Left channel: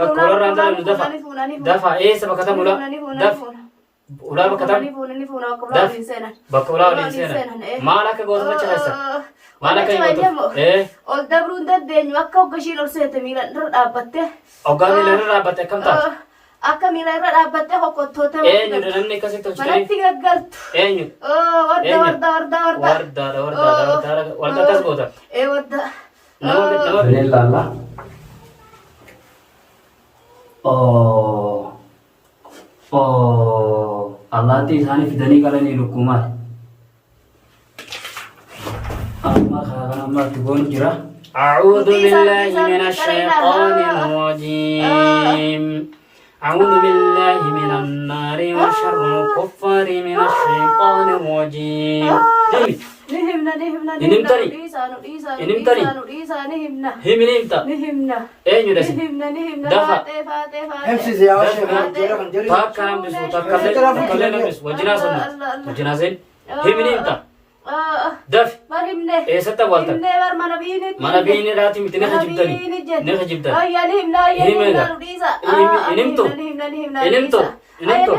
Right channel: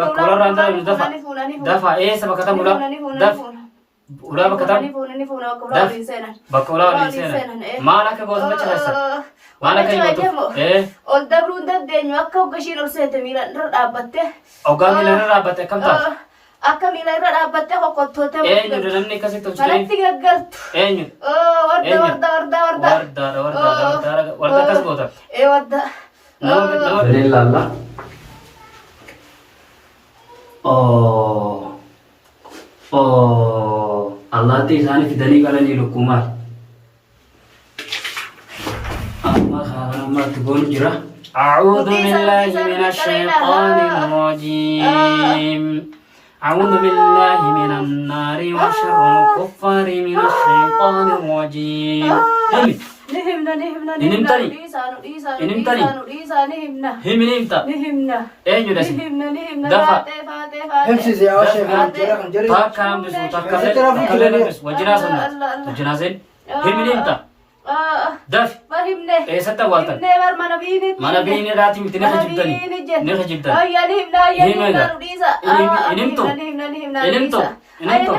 bakka ulaa randala nu dafa dafa eessa bakka tam ulaa daf ulaa bakka tam daf bakka ulaa waliin seenan maal akka goota macha keessa maal akka gootu ol dabruun dandeenyu akka hoggashiin ol seete miilan irra dhaabbatte hoggaa miilan irra dhaabbatte akkam ta'a akka miilan irra dhaabbatte hokkottootee eenyudha namni akkasitti tolchitee manatti gaggaltu eenyu warda akkas goota warda Lalla. Allah ti isaan fidanii qalanii lukkumaal. Amma kana amma tugoon jira. أعوذ بالله من الشيطان الرجيم أعوذ بالله من النار وشر الكفار من الشيطان الرجيم Inimtani. Inimtani. Him inimta. Eenyu dasi. Dafa. Takka nambisu takkallee nambisu wajjinaa sannu wajjinaa seen. Him inimta. Dafi. Eessatti awwaaltan. Mana biineedhaati miti ni hajibtani. Ni hajibtani. Himega. Inimtu. Inimtu. Inimtu.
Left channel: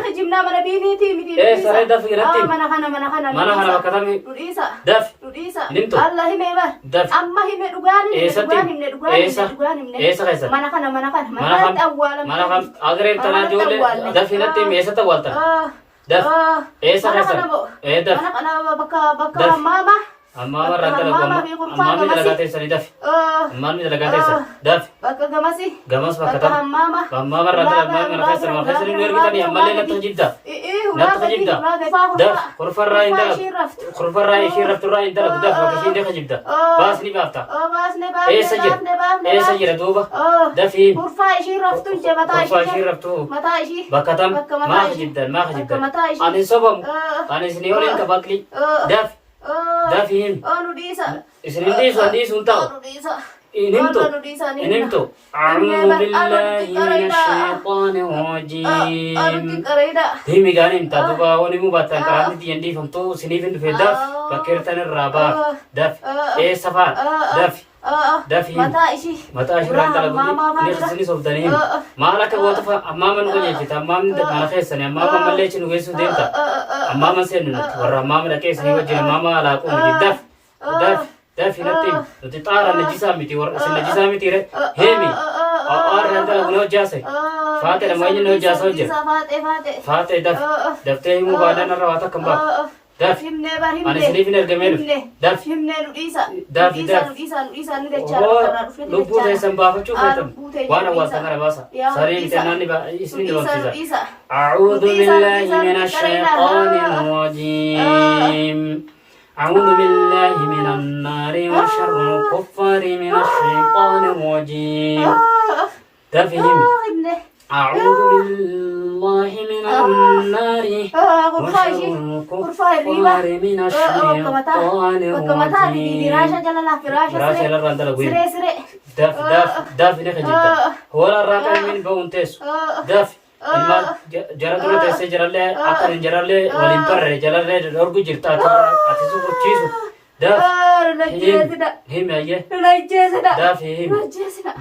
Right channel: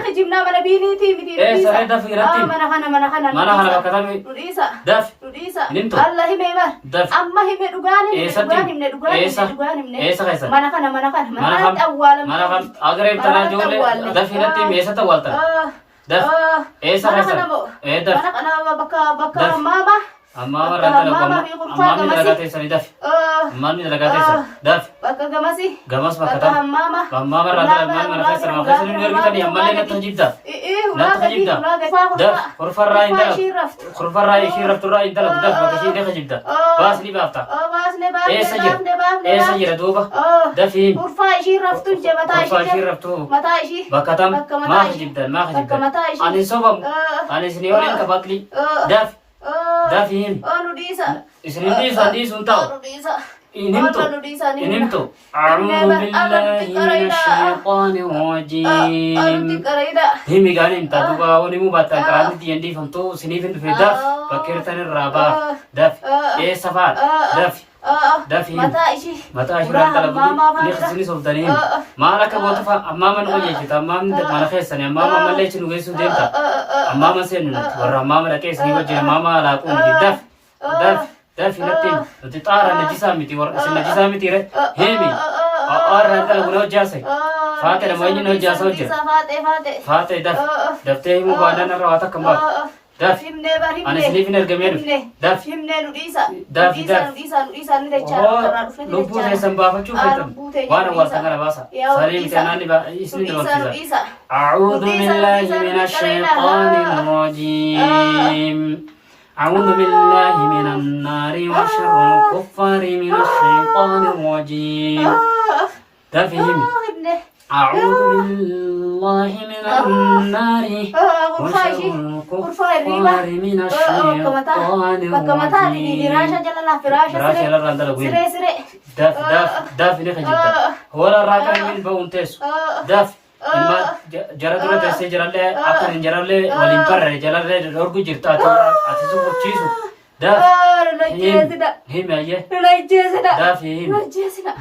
Saree dafi irratti. Mana kana bakka tami. Dafi. Inimtu. Dafi. Eessatti. Eessa keessa. Mana kam. Agareef tanaa ijoollee dafi irratti eessatti awwaaltan. Daf. Eessa keessa. Daf. Daf. Amma warra dalagu amma ni dalagaa teessanii dafi. Amma ni dalagaa teessan. Dafi. Gamas bakka tam. Amma warra dalagu mana keessa mana keessa ni ergitanii ammallee natti hajibda. Natti hajibda. Daf. Kurfarraa hin dalagu. Kurfarraa ishii rafturraa hin dalagu. Daf bakka ishii deeka jibda. Baas ni baafta. Eessa jira. Eessa jira duuba. Dafiin. Kurfaa ishii raftu je mataa raftu. Mataa ishii. Bakka tam. Maa hajibdan. Maa hajibdan. Ani sobamu. Ani isinii waliin kabakli. Daf. Dafin. Isinin diisun ta'u. Inimtu. Inimtu. A'uudhu billahi minash shaytaanir rajiim. Himi gaanin taatuba wani mu battan karaanni diyan diifamtu isiniif hin dhufe daf bakkeertan irraa baaf. Daf. Eessa fa'a. Daf. Dafin. Mataa ishii irraan dalagu ni isinis oftanii. Maal akka goota fa'a ammaama nu qajeelchita ammaamni mana keessanii ammaama mallee isin geessuu deemta. Ammaama seennu nuti warra ammaama dhaqee isinii wajjin ammaama alaaquu nuti daf. Daf. Dafi natti nuti xaara najisaa miti warra isin najisaa miti re heemi warra dalagu na hojjaase faate nama eenyu na hojjaasa hojjira faate daf daftee himuu baadhaan irra waa takka baaf daf ani isiniif hin ergamee dhufe daf lubbuu teessan baafachuu feetan waan awwaaltan kana baasa sarii miti naanni isinin barsiisa أعوذ بالله من الشيطان الرجيم أعوذ بالله من النار وشر الكفار من الشيطان الرجيم تفهم أعوذ بالله من النار وشر الكفار من الشيطان الرجيم فراش الرندل الغويل دف دف دف نخجبتا هو الراقع من بونتس دف ilma jara dura teessee jirallee akka hin jirallee waliin barre jalarree dorgu jirta ati sochochiisu daaf himi ayyee daaf himi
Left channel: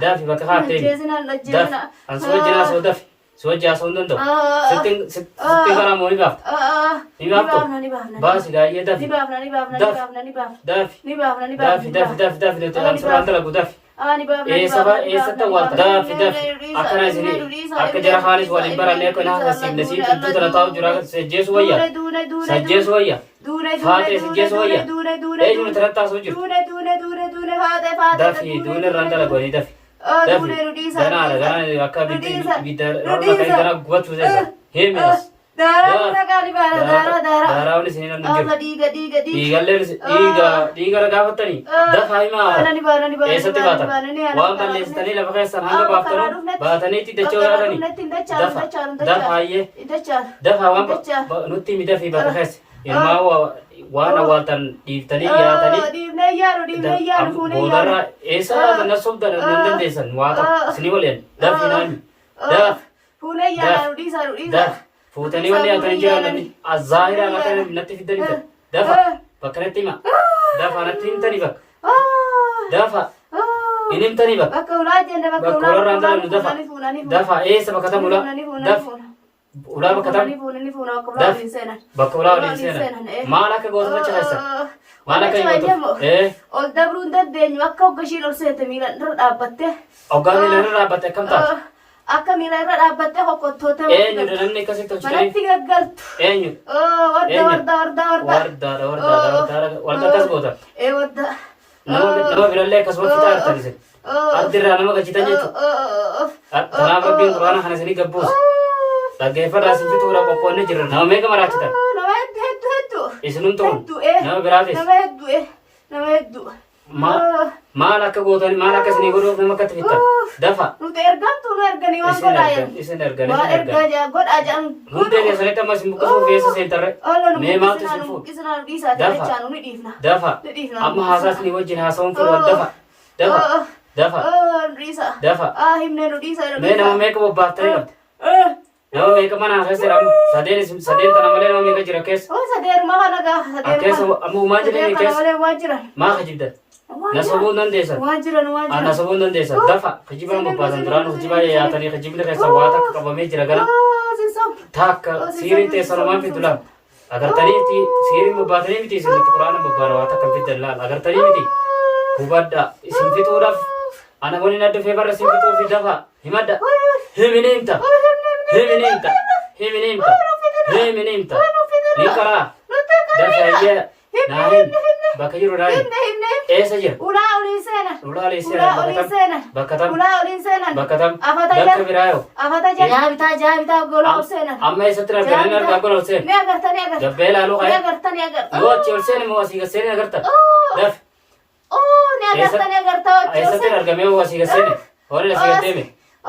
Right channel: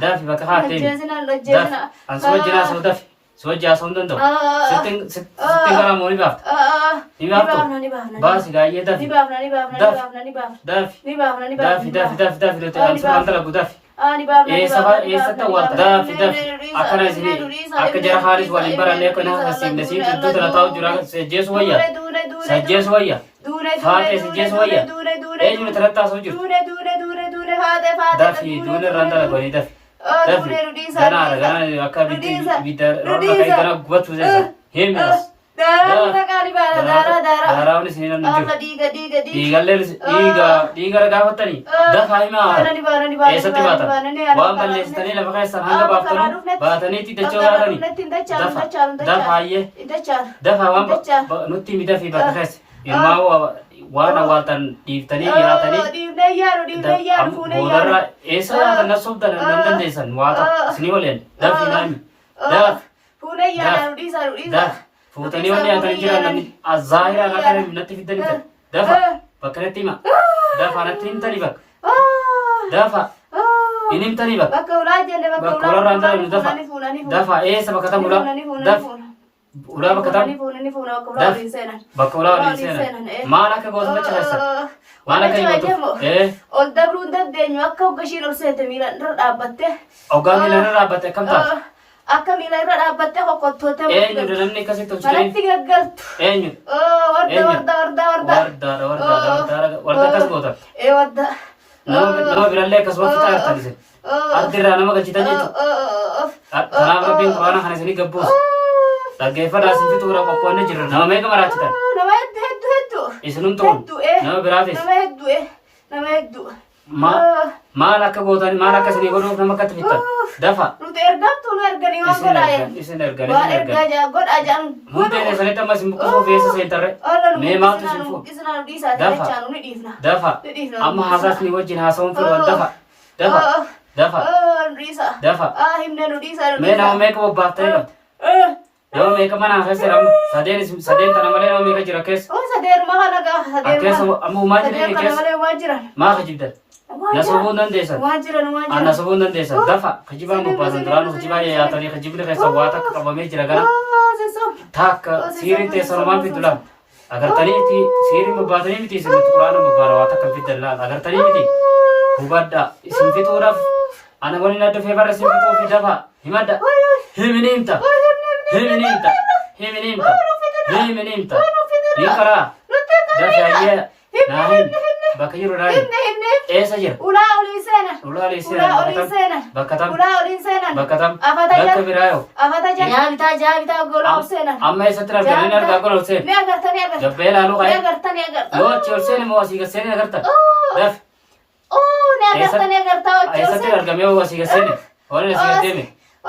daaf bakka haatee daaf an si wajjin haasa'u daaf si wajjin haasa'uu hin danda'u sitti garaamoo ni baafta ni baaftu baasi gaayyee daaf daaf nuti an suuraan dalagu daaf eessatti awwaalta daafi akkana isinii akka jara haalis waliin barannee akka naa sasiifne siin iddoo tana taa'u jira sajjeesu wayya sajjeesu wayya faate sajjeesu wayya eenyuun tanatti haasa'u jiru daafi duune irraan dalaganii daafi daafi ganaadha akka bidda roorna kan gana gubachuu teessa heeminas daaraawwan isinii namni jiru dhiigallee dhiiga gaafattanii dafaa himaa eessatti baatan waan balleessitanii lafa keessan hanga baaftanu baataniitti dachoo gaatanii dafa hayyee dafa waan nutti himi dafii bakka keessa ilmaa waan awwaaltan dhiiftanii yaatanii boodarra eessa laatan nassobda nan dandeessan waa takka isinii waliin dafii naami daf fuutanii wanni yaatanii jiran namni azaahiraan akka natti fiddanii dafa bakka natti hima dafa natti himtanii bakka dafa Inimtanii bakka. Bakka ulaa jenne bakka Bakka ularraan daran dafa. Dafa eessa bakka tam ulaa. Daf. Ulaa bakka tam. Daf. Bakka ulaa waliin seenan. Maal akka gootu dacha keessan. Maal akka hin gootu. Ol dabruun dandeenyu akka hoggashiin ol seete miilan irra dhaabbatte. Hoggaa miilan irra dhaabbatte akkam taate. Akka miila irra dhaabbattee kokkottootee eenyudha namni akkasitti hojjetee manatti gaggaltu eenyu warda akkas gootan nama birallee akkasuma fitaa artan isin ardirraa nama galchitan jechuudha kanaaf rabbiin quraana kana isinii gabbuusa dhaggeeffadhaa isin fixuudha qophoonni jiru nama meeqa maraachitan nama hedduu isinumtu nama biraatis nama hedduu maal akka gootan maal akka isinii godhuuf nama akkatti fixan dafa nuti ergamtu nu erganii waan godhaa isin erganii godhaa jedhan hundee keessanitti amma isin buqqisuu feessa seentarre mee maaltu isin fuudhu dafa amma haasaasni wajjin haasawuun fedhan dafa mee nama meeqa bobbaaftanii qabdi nama meeqa manaan keessa jira sadeen tana malee nama meeqa jira keessa keessa amma uumaa jireenya keessa maa kajibdan nasabuun dandeessan nasabuun dandeessan dafa kajibaan bobbaasan duraan kajibaa yaatanii kajibni keessa waa takka qabamee jira gana takka siiriin teessan homaan fiddu laal agartanii siiriin bobbaatanii miti isin nuti quraana bobbaana waa takka fiddan laal agartanii miti hubadha isin fixuudhaaf ana waliin adda feebarra isin fixuufi dafa himadha himiniimta ni karaa dafaayee naahin bakka jiru naahin eessa jira ulaa olii seenan bakka tam bakka biraayo jaabitaa gola ol seenan amma eessatti arganii argaa gola ol seen gabbee laaluu qaye yoo achi ol seene moo asii gaseene agarta daf eessatti argamee moo asii gaseene hoolin asii gaddeeme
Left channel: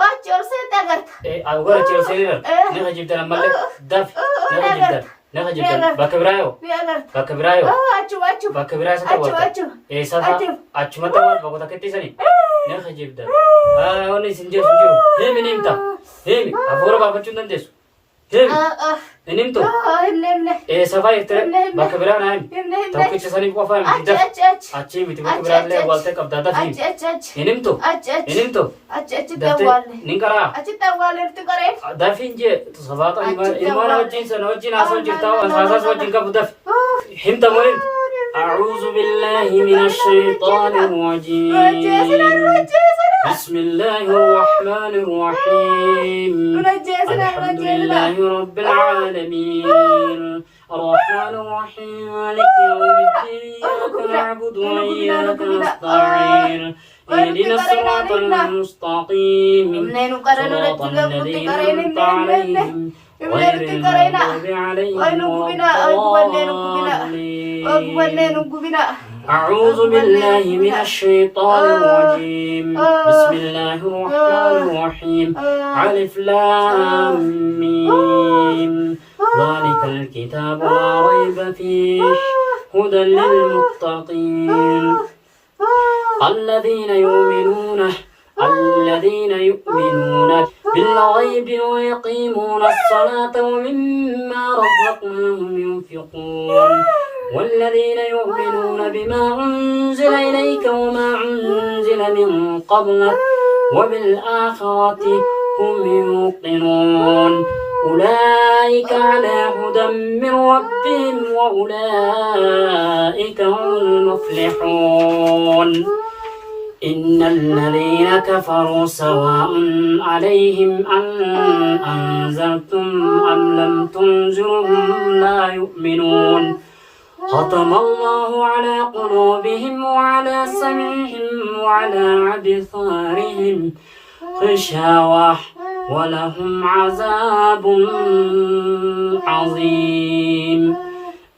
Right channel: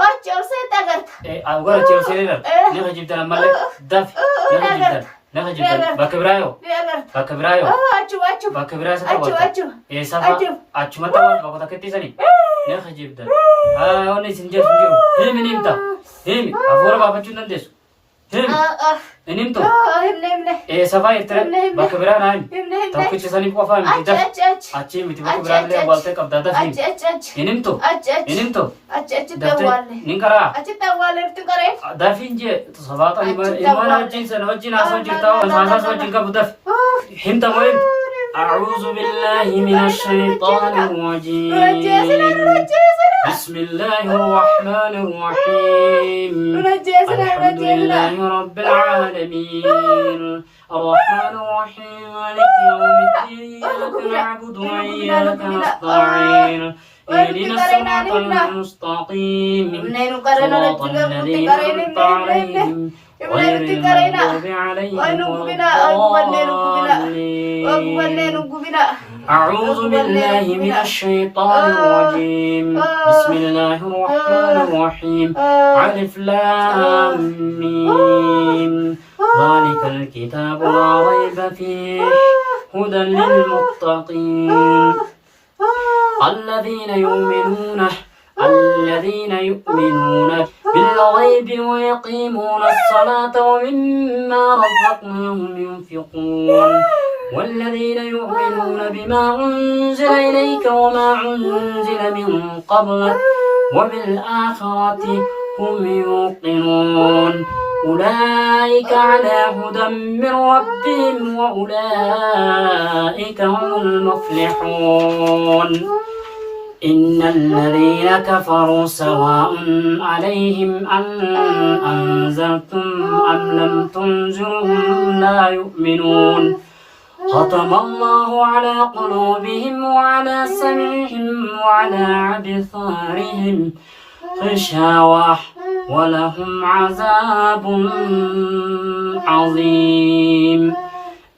Ochi ol seente agarta. Agora achi ol seene dar naka jibdan ammallee daf naka jibdan bakka biraayo bakka biraayo bakka biraa isa ta'u eessafa achumatti waan bakka takkeetti sanii naka jibdan onni isin jeesu jiru himi nimta himi afuura baafachuu hin dandeessu himi inimtu eessafa irtire bakka biraa naa himi tokkicha saniif qofaa miti daf achii miti bakka biraallee waltee qabdaa daf himi inimtu daftee nin karaa dafin jee sabaata imaana wajjin sana wajjin haasoo jirtaa haasaas wajjin qabu daf himta moo himta أعوذ بالله من الشيطان الرجيم بسم الله الرحمن الرحيم الحمد لله رب العالمين الرحمن الرحيم مالك يوم الدين إياك نعبد وإياك نستعين اهدنا الصراط المستقيم صراط الذين أنعمت عليهم غير المغضوب عليهم ولا الضالين أعوذ بالله من الشيطان الرجيم بسم الله الرحمن الرحيم ألف لام ميم ذلك الكتاب لا ريب فيه هدى للمتقين الذين يؤمنون بالغيب ويقيمون الصلاة ومما رزقناهم ينفقون والذين يؤمنون بما أنزل إليك وما أنزل من قبلك وبالآخرة هم يوقنون أولئك على هدى من ربهم وأولئك هم المفلحون إن الذين كفروا سواء عليهم أنذرتم أم لم تنذرهم لا يؤمنون ختم الله على قلوبهم وعلى سمعهم وعلى أبصارهم غشاوة ولهم عذاب عظيم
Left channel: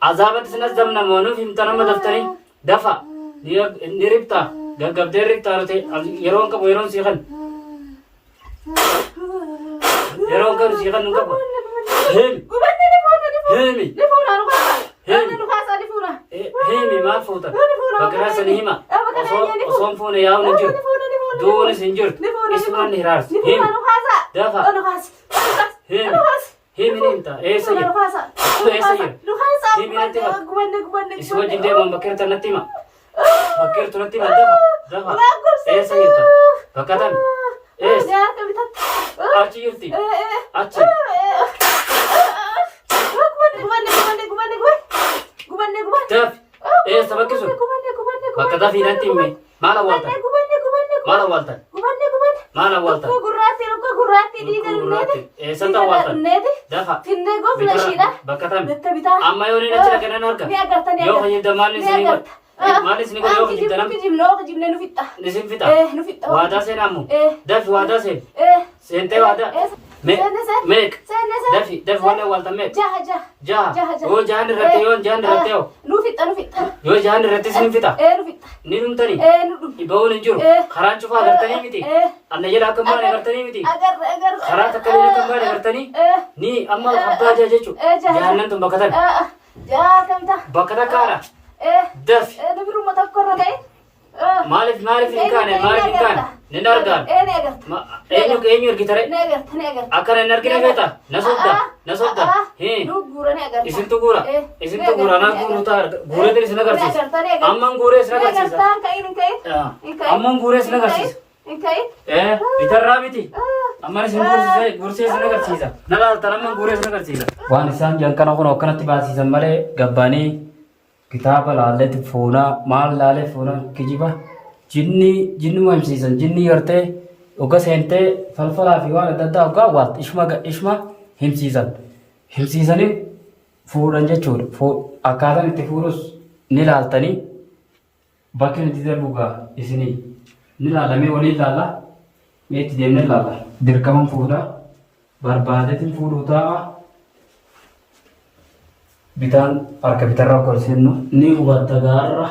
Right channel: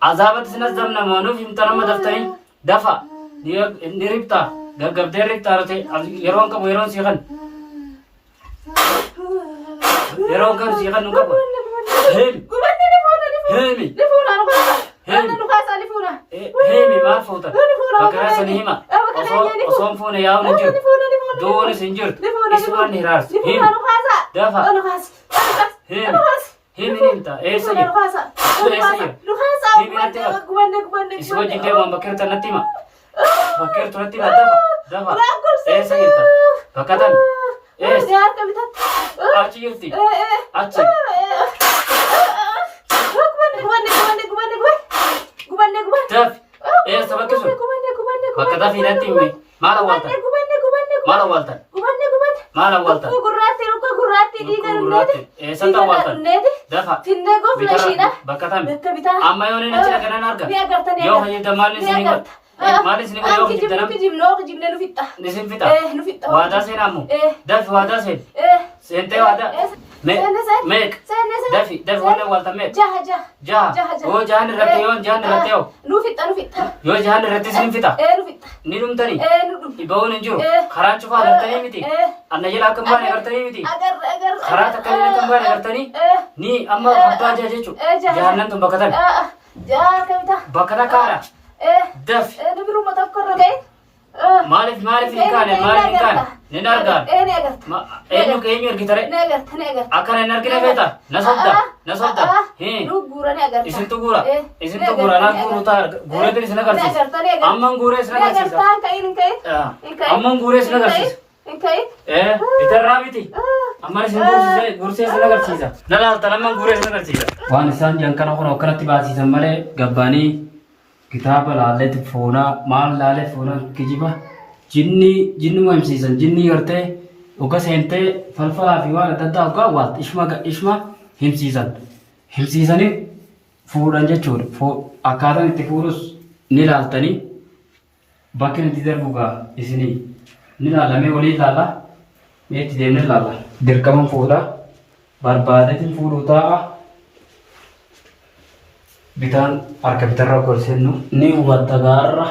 عذابة سنزمنا مونو في امتنام دفتري دفع نربطة قبدين ربطة يرون كبو يرون سيخن نقبو هيمي ما فوتا بكرة سنهيما أصوم فونا ياو نجر دون سنجر اسمه نهراس هيم دفع هيمي نمتا ايه سير هيمي نتيما اسمه جندي من بكرة نتيما دفع Eessa jirta? Bakka tami? Eessa? Jaarka bitatti. Achi jirti? Achi? Dafi? Eessa bakki sun? Bakka dafii natti himi. Maal awwaaltan? Maal awwaaltan? Maal awwaaltan? Gurraatti dhiiga Gurraatti. Eessatti awwaaltan? Dafa? Bitarra? Bakka tami? Amma yoo inni achi dhaqanan arga? Yoo fayyada maal isinii godha? Maal isinii godha yoo fayyada nama? Isin fixa? Waadaa seenaa ammoo? Dafi waadaa seen? Seentee waadaa? Meeq? Dafi waan awwaaltan meeq? Jaha? Yoo jahan irratti yoo jahan irratti yoo? Yoo jahan irratti isin fixa? Ni dhumtanii? Ba'uun hin jiru? Karaan cufaa agartanii miti? Anna jala akka hin baane agartanii miti? Karaa takka illee akka hin baane agartanii? Ni amma abbaa jaha jechuudha. Jahannan tun bakka tami? Bakka takkaadha? Dafi? Maaliif hin kaane? Nin argaan? Eenyu ergitare? Akkana hin argine beeta? Na sobda? Isintu guura? Anaa guuruu ta'a. Guureetiin isin agarsiisa. Amman guuree isin agarsiisa. Bitarraa miti? Amman isin guursee isin agarsiisa. Na laaltan amman guuree isin agarsiisa. Waan isaan jiran kana kun akkanatti baasiisan malee gabbaanii kitaaba laalleetti foonaa maal laalee foonaa kijiba jinnuma himsiisan jinni gartee oga seentee falfalaa fi waan adda addaa ogaa awwaalta ishma himsiisanii fuudhan jechuudha. Akkaataan itti fuudhus ni laaltanii bakki itti darbugaa isinii ni laalamee walii laalla itti deemnee laalla dirqaman fuudhaa barbaadeetiin fuudhuu ta'a. Bitaan harka bitarra kolsennu ni hubatta gaarra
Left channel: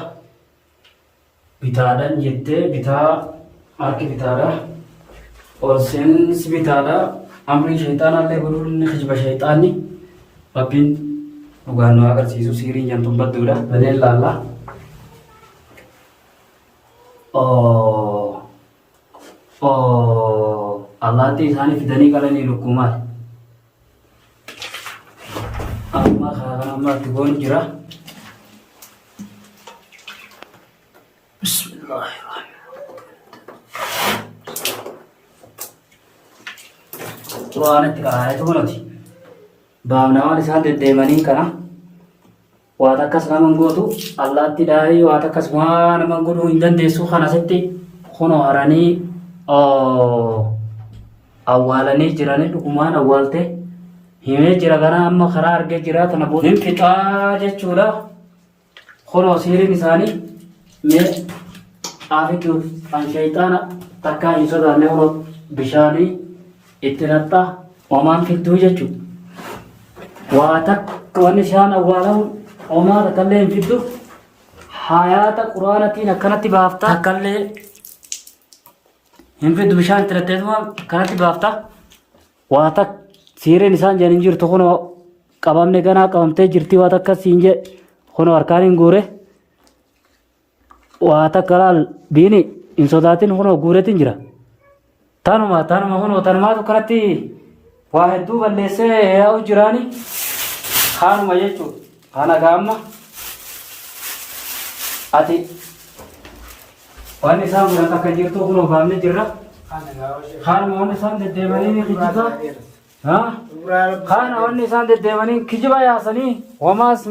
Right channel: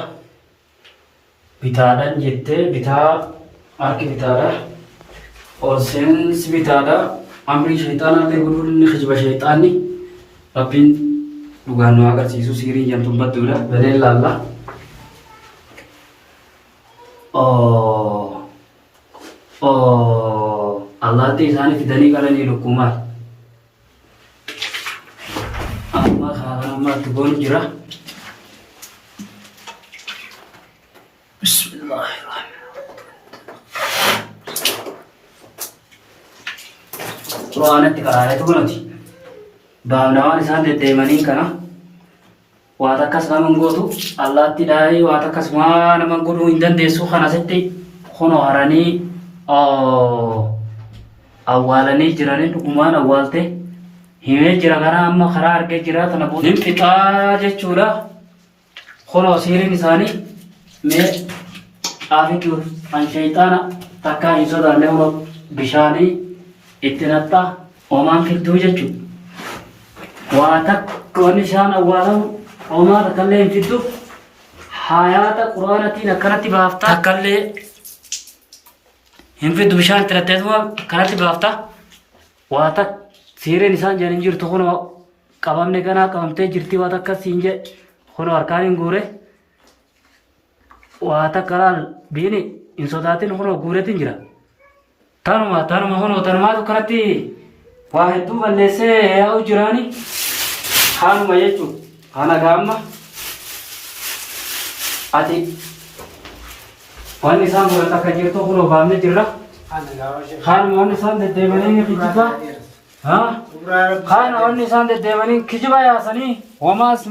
bitaadhaan jettee bitaa harki bitaadha olseensi bitaadha amrii shayxaanallee guluun ni kijiba shayxaanni rabbiin dhugaan nu agarsiisu siirii jantuun badduudha badee laalla. Allaattii isaanii fidanii qalanii lukkumaal. Amma tubuun jira. Bismillahirrahmanirrahim. Quraanatti qaraareetu mul'ati. Baafnawaan isaan deddeemanii kana waa takkas naman gootu allaatti dhaayii waa takkas maa naman godhuu hin dandeessu kana asitti kunoo haranii awwaalanii jiranii dhugumaan awwaalte himee jira gara amma karaa argee jira tana booda hin fixaa jechuudha. Kunoo siiriin isaanii mee aafitu an shayxaana takkaa hin sodaanne kunoo bishaanii itti naxxaa homaan fidduu jechuudha. Waa takka wanni isaan awwaalamu homaa takkallee hin fiddu hayaata quraanatiin akkanatti baafta takkallee hin fiddu bishaan itti naxxeetuma kanatti baafta waa takka siireen isaan jedhan jirtu kunoo qabamne ganaa qabamtee jirti waa takka siin je kunoo harkaan hin guure waa takka laal biini hin sodaatin kunoo guureetiin jira. Tanuma kunoo tanumaatu kanatti waa hedduu balleessee yaa'u jiraani kaanuma jechuudha. Kana gaamma ati wanni isaan godhan akka jirtu kunoo baafne jirra. Kaanuma wanni isaan deddeemanii kijibaa. Kana wanni isaan deddeemanii kijiba yaasanii homaas